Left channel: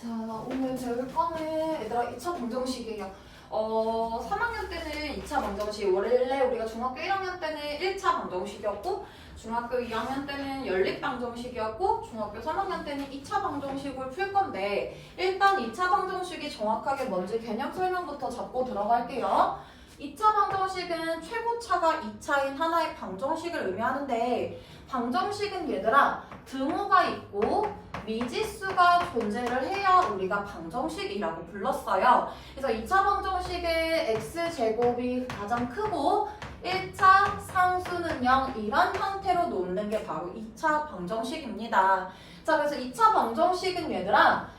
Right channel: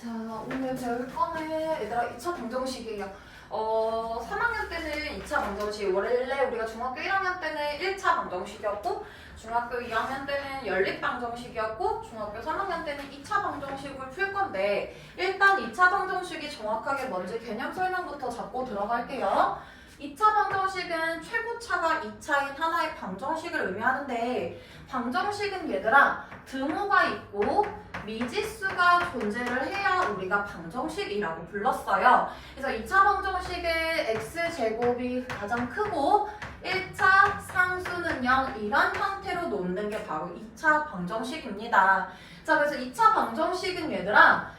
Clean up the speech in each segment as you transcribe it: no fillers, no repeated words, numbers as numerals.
자, 오늘 배울 거는 얘들아 2차 방정식이에요. 3학년 때는 2차 방정식, 원래 우리가 중학교 1학년 때는 1차 방정식이었고 중학교 2학년 때는 연립 방정식이었고 중학교 3학년 때는 2차 방정식을 풀 건데 일단 2차 방정식이 정확하게 뭔지 개념 설명부터 잡고 들어갈게요. 2차 방정식은 최고차가 2차인 하나의 방정식을 의미하는데 방정식은 얘들아 등호가 있고 미지수가 존재를 해야 우리가 방정식이라고 불렀어요. 그래서 2차 방정식의 x제곱이 가장 크고 1차 상수는 0 이런 형태로 놓는 게 바로 2차 방정식입니다. 자, 그래서 2차 방정식은 얘들아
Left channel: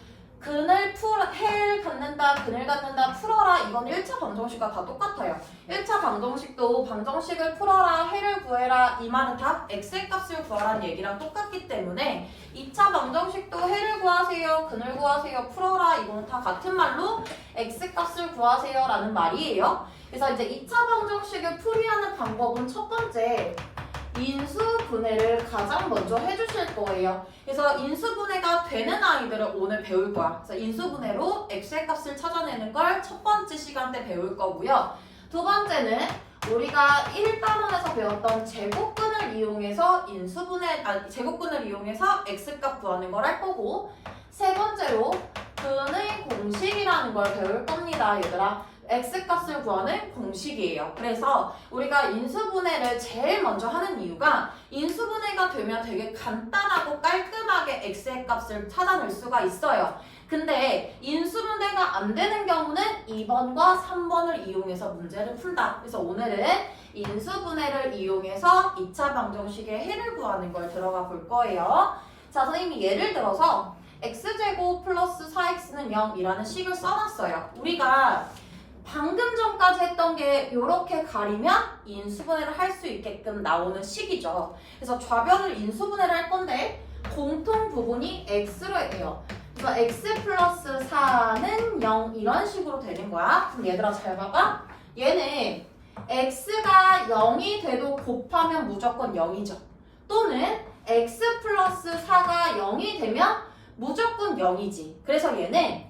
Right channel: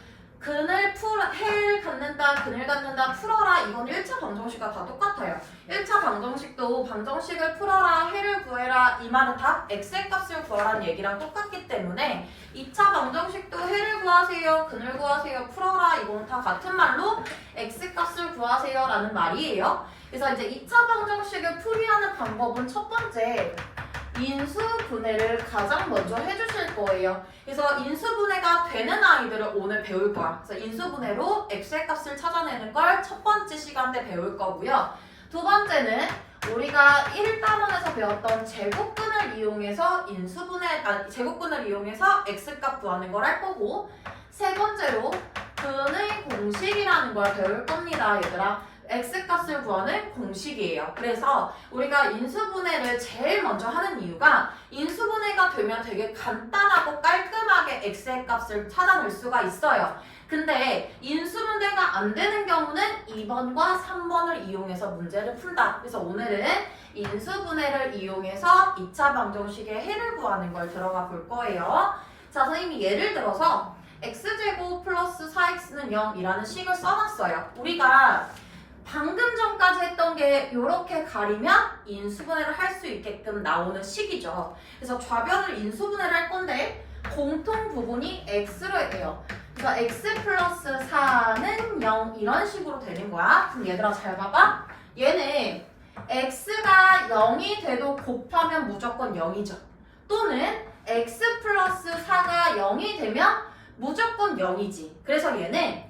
해를 갖는다, 근을 갖는다, 풀어라 이건 1차 방정식과 다 똑같아요. 1차 방정식도 방정식을 풀어라, 해를 구해라 이 말은 다 x의 값을 구하라는 얘기랑 똑같기 때문에 2차 방정식도 해를 구하세요, 근을 구하세요, 풀어라 이거는 다 같은 말로 x 값을 구하세요 라는 말이에요. 그래서 이제 2차 방정식을 풀이하는 방법은 첫 번째 인수분해를 가장 먼저 해주실 거예요. 그래서 인수분해가 되는 아이들을 오늘 배울 거야. 그래서 인수분해로 x의 값을 찾아내는 걸 첫 번째 시간 때 배울 거고요. 두 번째는 우리가 1단원에서 배웠던 제곱근을 이용해서 제곱근을 이용해서 x값 구하는 걸 할 거고 세 번째로 근의 공식이라는 걸 배울 겁니다, 얘들아. x값을 구하는 공식이에요. 그래서 우리가 인수분해를 제일 먼저 하는 이유가 인수분해가 되면 되게 간단하고 깔끔하게 x의 값을 찾아낼 수가 있어요. 근데 인수분해가 안 되는 경우는 2번과 3번을 이용해서 문제를 푼다. 그래서 오늘은 인수분해를 이용해서 2차 방정식의 해를 구하는 걸 들어가 볼 거예요. 자, 선생님이 예를 들어서 x제곱 플러스 4x는 0이라는 식을 써놨어요. 우리가 방금 전까지 했던 게 이렇게 가리면 인수분해를 할 수 있게끔 나오는 식이죠. 그래서 좌변을 인수분해를 할 건데 공통 부분이 x로 해요. 그래서 x 플러스 4는 0 이런 식으로 되는 거야. 그럼 얘들아 잘 봐봐. 얘는 x가 0이 돼도 곱하면 무조건 0이죠. 또는 x 플러스 4가 0이 되면 무조건 0이지. 그래서 얘는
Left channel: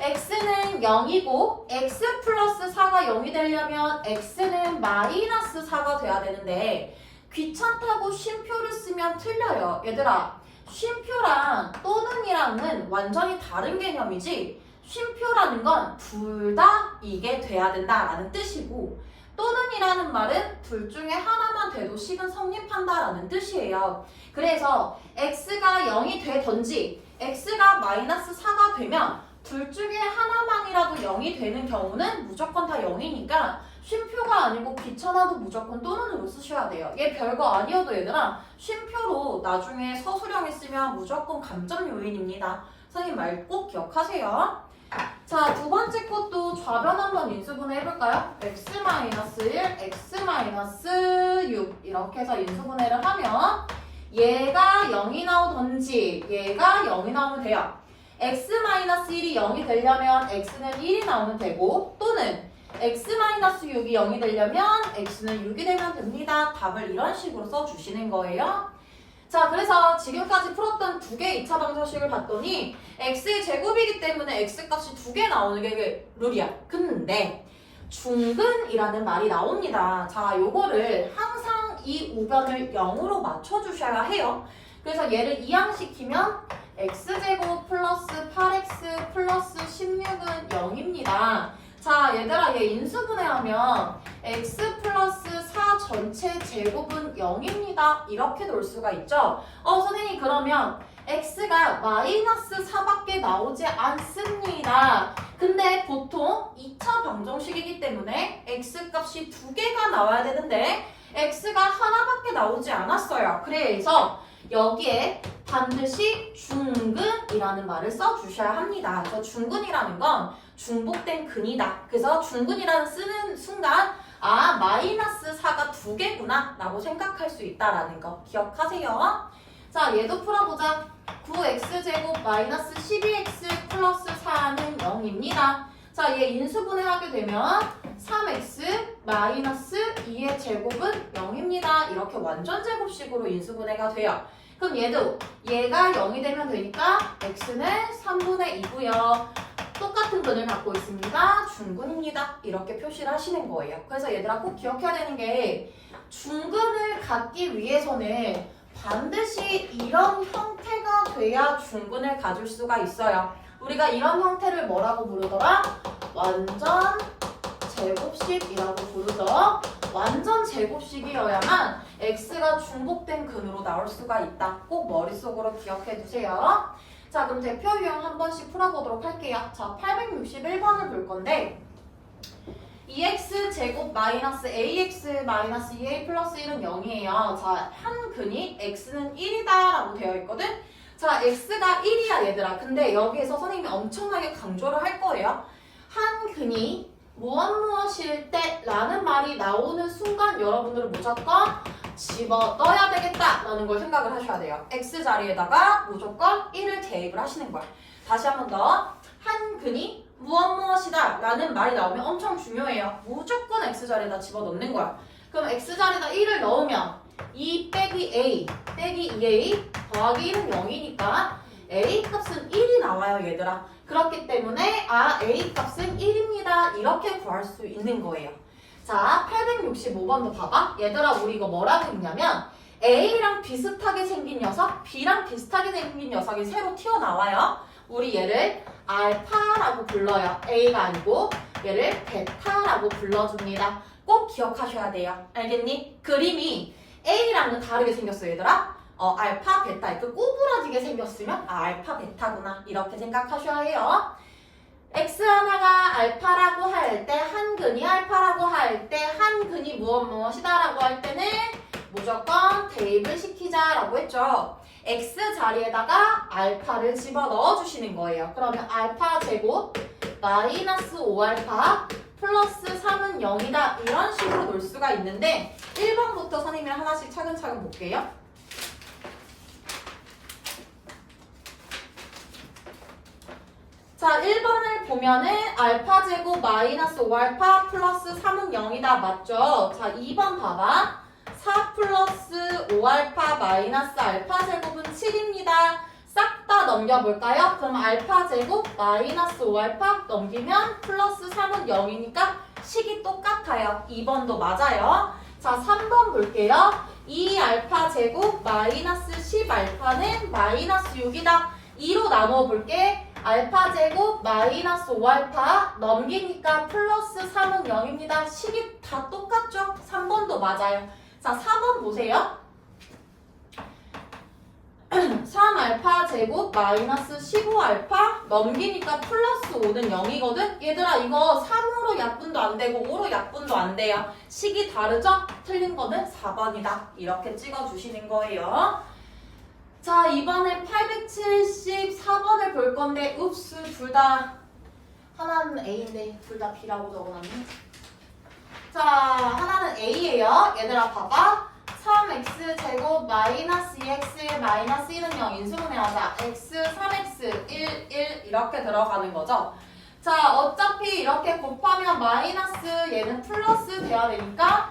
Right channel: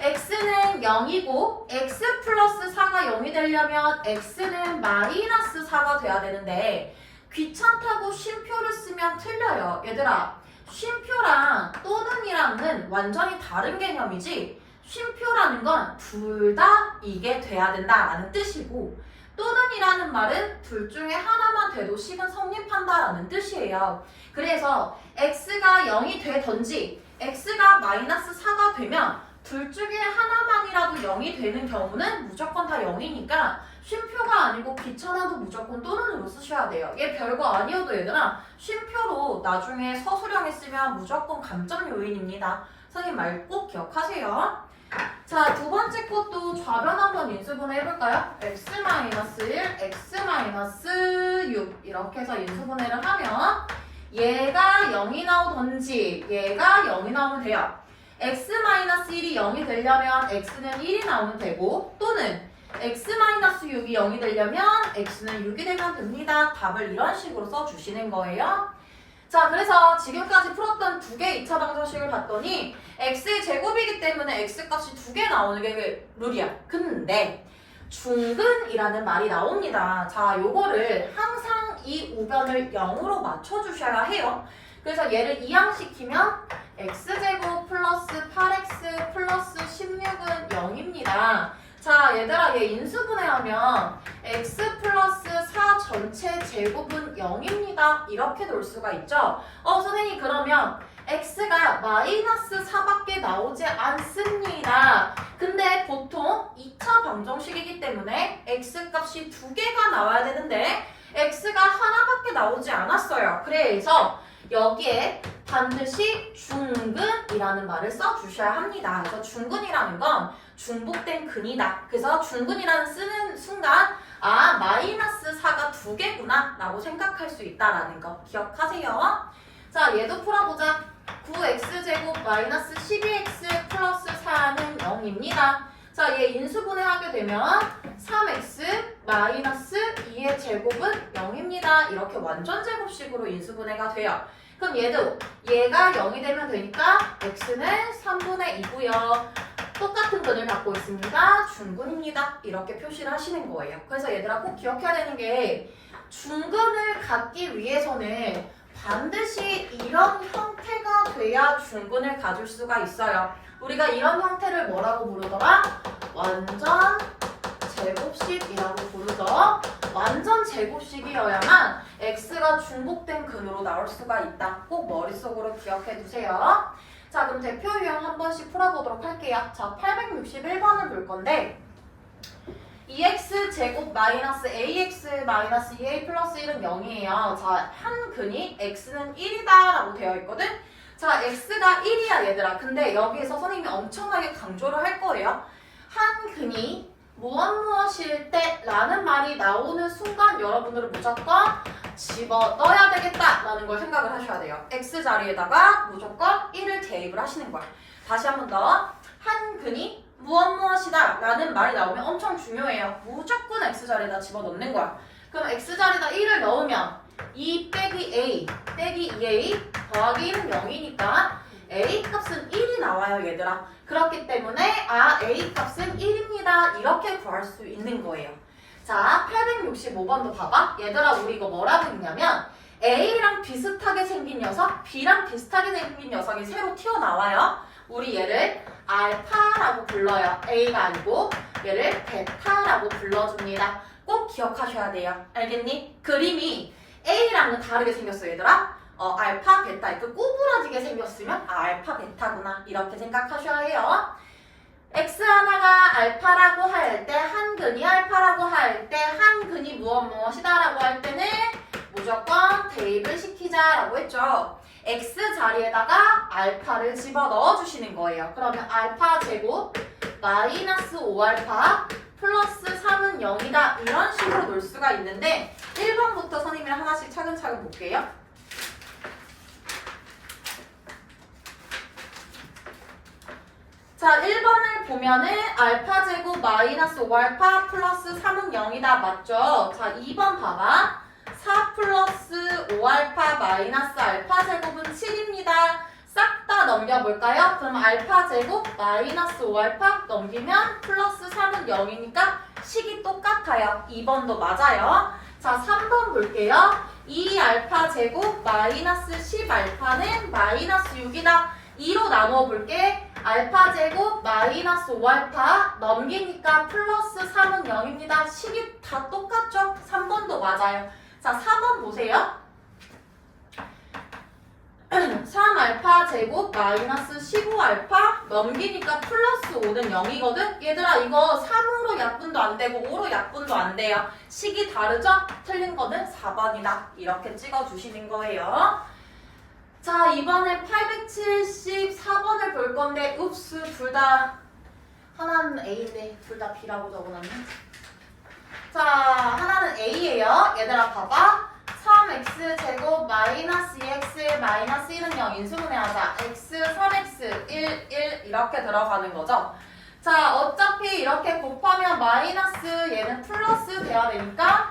x는 0이고 x 플러스 4가 0이 되려면 x는 마이너스 4가 돼야 되는데 귀찮다고 쉼표를 쓰면 틀려요. 얘들아 쉼표랑 또는이랑은 완전히 다른 개념이지 쉼표라는 건 둘 다 이게 돼야 된다라는 뜻이고 또는이라는 말은 둘 중에 하나만 돼도 식은 성립한다라는 뜻이에요. 그래서 x가 0이 되던지 x가 마이너스 4가 되면 둘 중에 하나만이라도 0이 되는 경우는 무조건 다 0이니까 쉼표가 아니고 귀찮아도 무조건 또는으로 쓰셔야 돼요. 얘 별거 아니어도 얘들아 쉼표로 나중에 서술형에 쓰면 무조건 감점 요인입니다. 선생님 말 꼭 기억하세요. 자, 두 번째 것도 좌변 한번 인수분해 해볼까요? x-1, x-6 이렇게 해서 인수분해를 하면 얘가 0이 나오던지 얘가 0이 나오면 돼요. x-1이 0이 되려면 x는 1이 나오면 되고 또는 x-6이 0이 되려면 x는 6이 되면 됩니다. 답을 이런 식으로 써주시는 거예요. 자, 그래서 지금까지 풀었던 두 개의 2차 방정식을 봤더니 x의 제곱이기 때문에 x값이 두 개 나오는 게 룰이야. 근데 중근이라는 말이 나옵니다. 자, 요거를 항상 이 우변을 0으로 맞춰주셔야 해요. 그래서 얘를 이항시키면 x제곱 플러스 8x 플러스 16은 0입니다. 자, 얘들아 얘 인수분해하면 x 플러스 4 전체 제곱은 0입니다. 이렇게 놓을 수가 있죠. 선생님 그러면 x가 마이너스 4밖에 나오지 않습니다. 근데 보통 2차 방정식이기 때문에 x값이 두 개가 나와야 되는데 x가 하나밖에 나오지 않았어요. 그래서 여기에 반드시 중근이라는 말을 써주셔야 합니다. 그래서 중근이라는 건 중복된 근이다. 그래서 중근이라는 쓰는 순간 마이너스 4가 두 개구나 라고 생각할 수 있다라는 거 기억하세요. 자, 얘도 풀어보자. 9x제곱 마이너스 12x 플러스 4는 0입니다. 자, 얘 인수분해하게 되면 3x 마이너스 2의 제곱은 0입니다. 이렇게 완전 제곱식으로 인수분해가 돼요. 그럼 얘가 0이 되면 되니까 x는 3분의 2고요. 똑같은 근을 갖고 있습니다. 중근입니다. 이렇게 표시를 하시는 거예요. 그래서 얘들아 꼭 기억해야 되는 게 중근을 갖기 위해서는 반드시 이런 형태가 돼야 중근을 가질 수가 있어요. 우리가 이런 형태를 뭐라고 부르더라? 완전 제곱식이라고 부르죠. 완전 제곱식이어야만 x가 중복된 근으로 나올 수가 있다. 꼭 머릿속으로 기억해 두세요. 자, 그럼 대표 유형 한 번씩 풀어보도록 할게요. 자, 861번을 볼 건데 2x 제곱 마이너스 ax 마이너스 2a 플러스 1은 0이에요. 자, 한 근이 x는 1이다 라고 되어 있거든. 자, x가 1이야 얘들아. 근데 여기에서 선생님이 엄청나게 강조를 할 거예요. 한 근이 무엇일 때 라는 말이 나오는 순간 여러분들은 무조건 집어넣어야 되겠다 라는 걸 생각을 하셔야 돼요. x 자리에다가 무조건 1을 대입을 하시는 거야. 다시 한 번 더. 한 근이 무엇이다 라는 말이 나오면 엄청 중요해요. 무조건 x 자리에다 집어넣는 거야. 그럼 x 자리에다 1을 넣으면 2 빼기 a 빼기 2a 더하기 1은 0이니까 a 값은 1이 나와요 얘들아. 그렇기 때문에 a 값은 1입니다. 이렇게 구할 수 있는 거예요. 자, 865번도 봐봐. 얘들아 우리 이거 뭐라고 읽냐면 a랑 비슷하게 생긴 녀석, b랑 비슷하게 생긴 녀석이 새로 튀어나와요. 우리 얘를 알파라고 불러요. a가 아니고 얘를 베타라고 불러줍니다. 꼭 기억하셔야 돼요. 알겠니? 그림이 a랑은 다르게 생겼어 얘들아. 알파, 베타 이렇게 꼬부라지게 생겼으면 알파, 베타구나 이렇게 생각하셔야 해요. x 하나가 알파라고 할 때, 한 근이 알파라고 할 때, 한 근이 무엇이다 라고 할 때는 무조건 대입을 시키자라고 했죠. x 자리에다가 알파를 집어넣어 주시는 거예요. 그러면 알파 제곱 마이너스 5알파 플러스 3은 0이다 이런 식으로 놓을 수가 있는데 1번부터 선생님이랑 하나씩 차근차근 볼게요. 자, 1번을 보면은 알파 제곱 마이너스 5알파 플러스 3은 0이다 맞죠? 자, 2번 봐봐. 4 플러스 5알파 마이너스 알파 제곱은 7입니다. 싹 다 넘겨볼까요? 그럼 알파 제곱 마이너스 5알파 넘기면 플러스 3은 0이니까 식이 똑같아요. 2번도 맞아요. 자, 3번 볼게요. 2알파 제곱 마이너스 10알파는 마이너스 6이다. 2로 나눠 볼게. 알파 제곱 마이너스 5알파 넘기니까 플러스 3은 0입니다. 식이 다 똑같죠? 3번도 맞아요. 자, 4번 보세요. 3알파 제곱 마이너스 15알파 넘기니까 플러스 5는 0이거든? 얘들아 이거 3으로 약분도 안 되고 5로 약분도 안 돼요. 식이 다르죠? 틀린 거는 4번이다. 이렇게 찍어주시는 거예요. 자, 이번에 874번을 볼 건데 읍스 둘 다 하나는 A인데 둘 다 B라고 적어놨네. 자, 하나는 A예요. 얘들아 봐봐. 3x 제곱 마이너스 2x 마이너스 1은 0 인수분해하자. x 3x 1 1 이렇게 들어가는 거죠. 자, 어차피 이렇게 곱하면 마이너스 얘는 플러스 돼야 되니까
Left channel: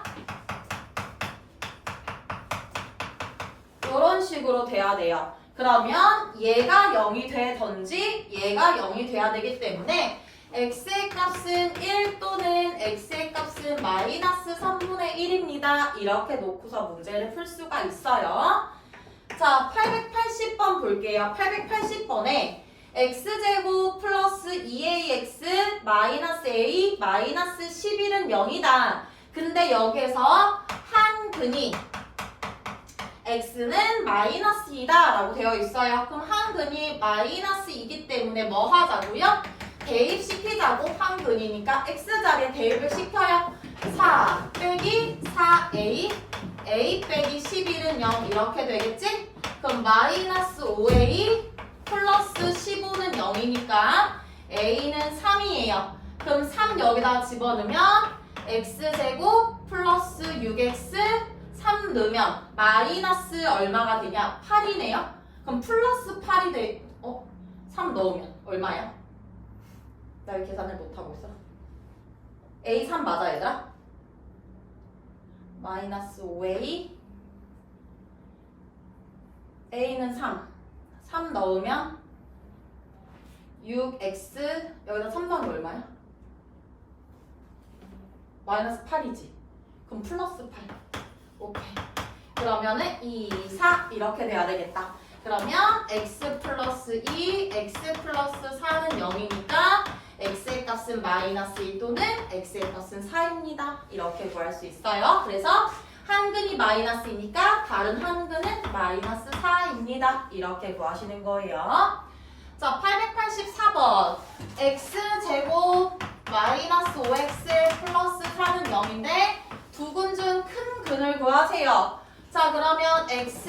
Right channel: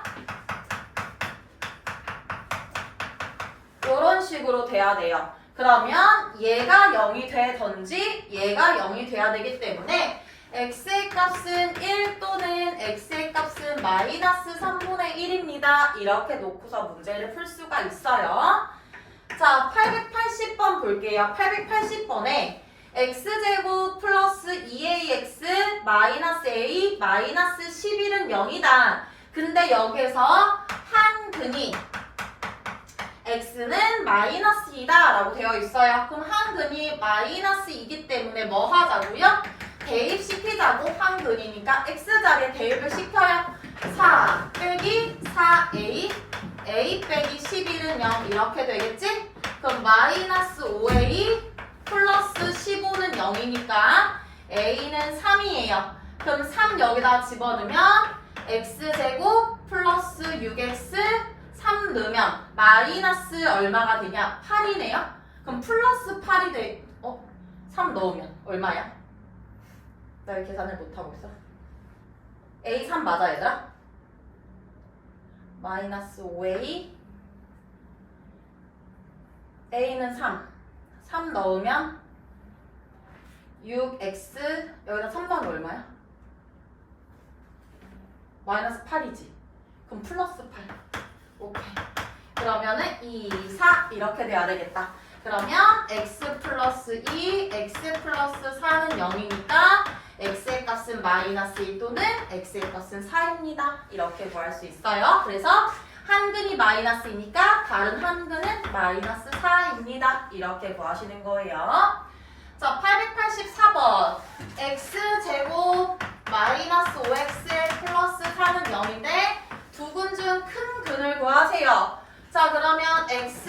이런 식으로 돼야 돼요. 그러면 얘가 0이 되던지 얘가 0이 돼야 되기 때문에 x의 값은 1 또는 x의 값은 마이너스 3분의 1입니다. 이렇게 놓고서 문제를 풀 수가 있어요. 자, 880번 볼게요. 880번에 x제곱 플러스 2ax 마이너스 a 마이너스 11은 0이다. 근데 여기서 한 근이 x는 마이너스 2다 라고 되어 있어요. 그럼 한 근이 마이너스 2이기 때문에 뭐 하자고요? 대입시키자고. 한 근이니까 x자리에 대입을 시켜요. 4 빼기 4a a 빼기 11은 0 이렇게 되겠지? 그럼 마이너스 5a 플러스 15는 0이니까 a는 3이에요. 그럼 3 여기다 집어넣으면 x제곱 플러스 6x 3 넣으면 마이너스 얼마가 되냐? 8이네요. 그럼 플러스 8이 돼. 3 넣으면 얼마야? 나 왜 계산을 못하고 있어? A 3 맞아 얘들아? 마이너스 5A a는 3 넣으면 6x 여기다 3 넣으면 얼마야? 마이너스 8이지. 그럼 플러스 8. 오케이. 그러면은 2, 4 이렇게 돼야 되겠다. 그러면 x 플러스 2, x 플러스 4는 0이니까 x의 값은 마이너스 1 또는 x의 값은 4입니다. 이렇게 구할 수 있어요. 그래서 한 근이 마이너스이니까 다른 한 근은 마이너스 4입니다. 이렇게 구하시는 거예요. 자, 884번. x제곱 마이너스 5x 플러스 4는 0인데 두 근 중 큰 근을 구하세요. 자, 그러면 x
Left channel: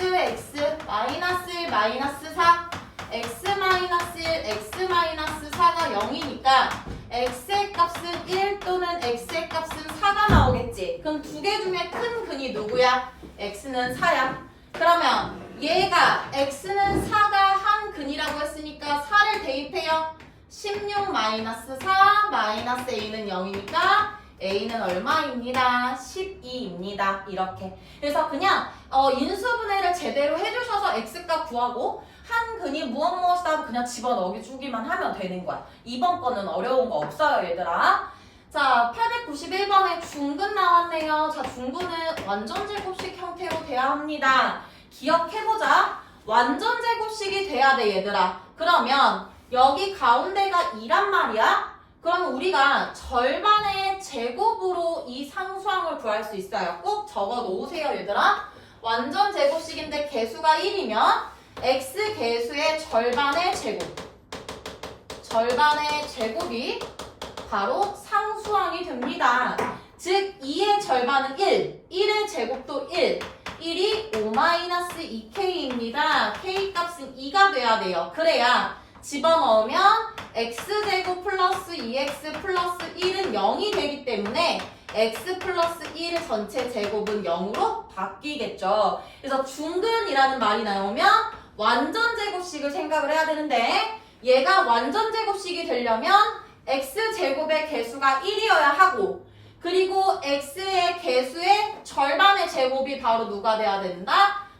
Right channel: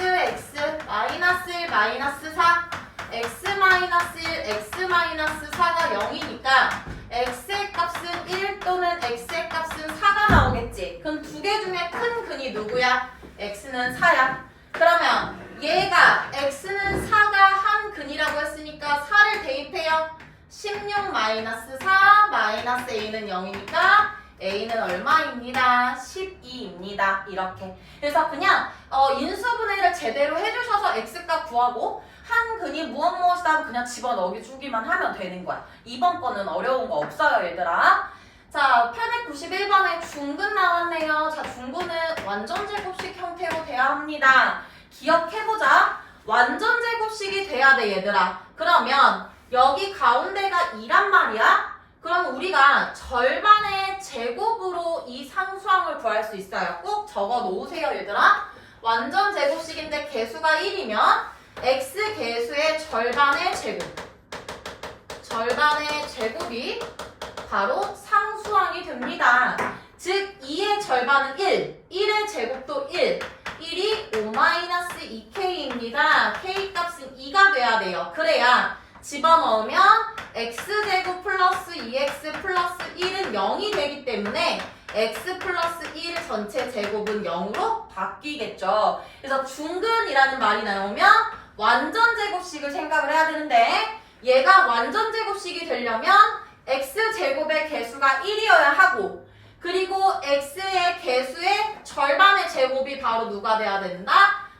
마이너스 1 마이너스 4 x 마이너스 1 x 마이너스 4가 0이니까 x의 값은 1 또는 x의 값은 4가 나오겠지. 그럼 두 개 중에 큰 근이 누구야? x는 4야. 그러면 얘가 x는 4가 한 근이라고 했으니까 4를 대입해요. 16 마이너스 4 마이너스 a는 0이니까 a는 얼마입니다? 12입니다. 이렇게. 그래서 그냥 인수분해를 제대로 해주셔서 x값 구하고 한 근이 무엇이다 그냥 집어넣어주기만 하면 되는 거야. 이번 거는 어려운 거 없어요, 얘들아. 자, 891번에 중근 나왔네요. 자, 중근은 완전제곱식 형태로 돼야 합니다. 기억해보자. 완전제곱식이 돼야 돼, 얘들아. 그러면 여기 가운데가 2란 말이야? 그럼 우리가 절반의 제곱으로 이 상수항을 구할 수 있어요. 꼭 적어 놓으세요, 얘들아. 완전 제곱식인데 개수가 1이면 x 개수의 절반의 제곱. 절반의 제곱이 바로 상수항이 됩니다. 즉 2의 절반은 1, 1의 제곱도 1, 1이 5-2k입니다. k 값은 2가 돼야 돼요. 그래야 집어넣으면 x제곱 플러스 2x 플러스 1은 0이 되기 때문에 x 플러스 1 전체 제곱은 0으로 바뀌겠죠. 그래서 중근이라는 말이 나오면 완전제곱식을 생각을 해야 되는데 얘가 완전제곱식이 되려면 x제곱의 개수가 1이어야 하고 그리고 x의 개수의 절반의 제곱이 바로 누가 돼야 된다?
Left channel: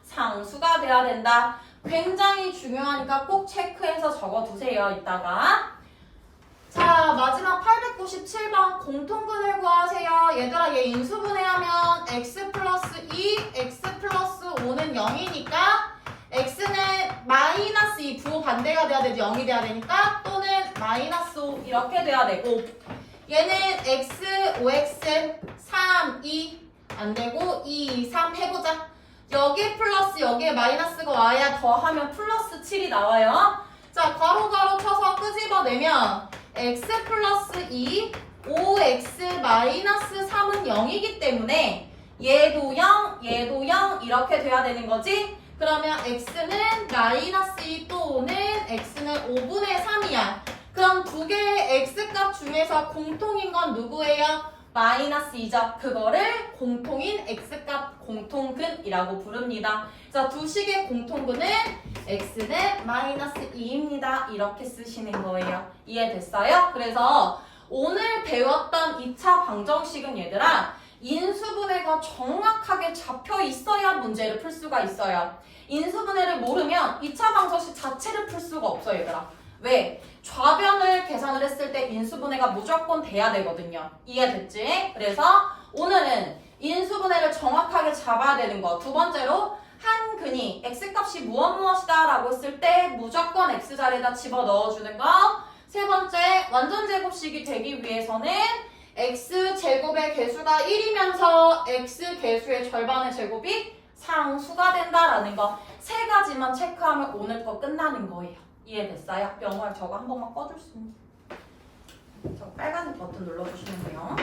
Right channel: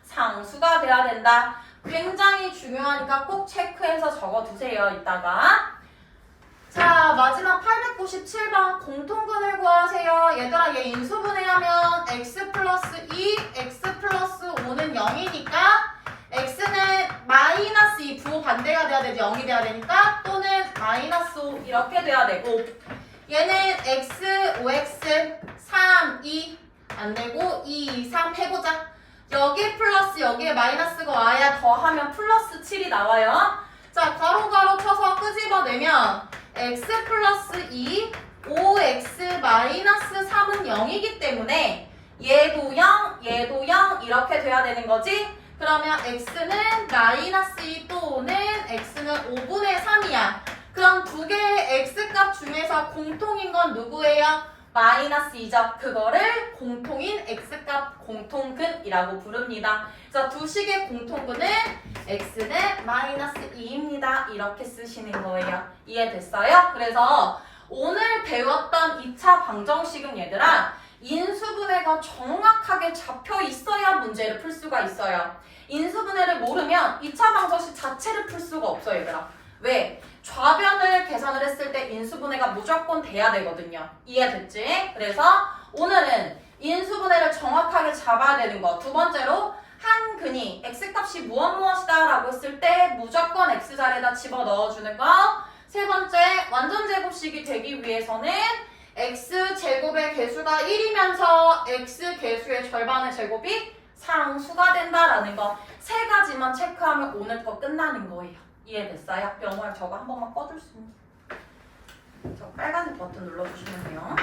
상수가 돼야 된다. 굉장히 중요하니까 꼭 체크해서 적어두세요. 이따가. 자, 마지막 897번 공통근을 구하세요. 얘들아, 얘 인수분해하면 x 플러스 2, x 플러스 5는 0이니까 x는 마이너스 2, 부호 반대가 돼야 되지 0이 돼야 되니까 또는 마이너스 5 이렇게 돼야 되고 얘는 x, 5x, 3, 2 안 되고 2, 3 해보자. 여기에 플러스 여기에 마이너스가 와야 더하면 플러스 7이 나와요. 자, 괄호 쳐서 끄집어내면 x 플러스 2, 5x 마이너스 3은 0이기 때문에 얘도 0, 얘도 0 이렇게 돼야 되는 거지. 그러면 x는 마이너스 2 또는 x는 5분의 3이야. 그럼 두 개의 x값 중에서 공통인 건 누구예요? 마이너스 2죠. 그거를 공통인 x값 공통근이라고 부릅니다. 그래서 두 식의 공통근은 x는 마이너스 2입니다. 이렇게 쓰시는 거예요. 이해됐어요? 그래서 오늘 배웠던 2차 방정식은 얘들아 인수분해가 정확하게 잡혀 있어야 문제를 풀 수가 있어요. 인수분해를 모르면 2차 방정식 자체를 풀 수가 없어요, 얘들아. 왜? 좌변을 계산을 했을 때 인수분해가 무조건 돼야 되거든요. 이해됐지? 그래서 오늘은 인수분해를 정확하게 잡아야 되는 거. 두 번째로 한 근이 x값이 무엇이다 라고 했을 때 무조건 x자리에다 집어넣어주는 거. 세 번째, 완전제곱식이 되기 위해서는 x제곱의 개수가 1이면서 x개수의 절반의 제곱이 상수가 된다라는 거. 세 가지만 체크하면 오늘 거 끝나는 거예요. 이해됐어요? 명월 저거 한 번만 꺼줄 수 있니? 저 빨간 버튼 눌러주시면 돼요.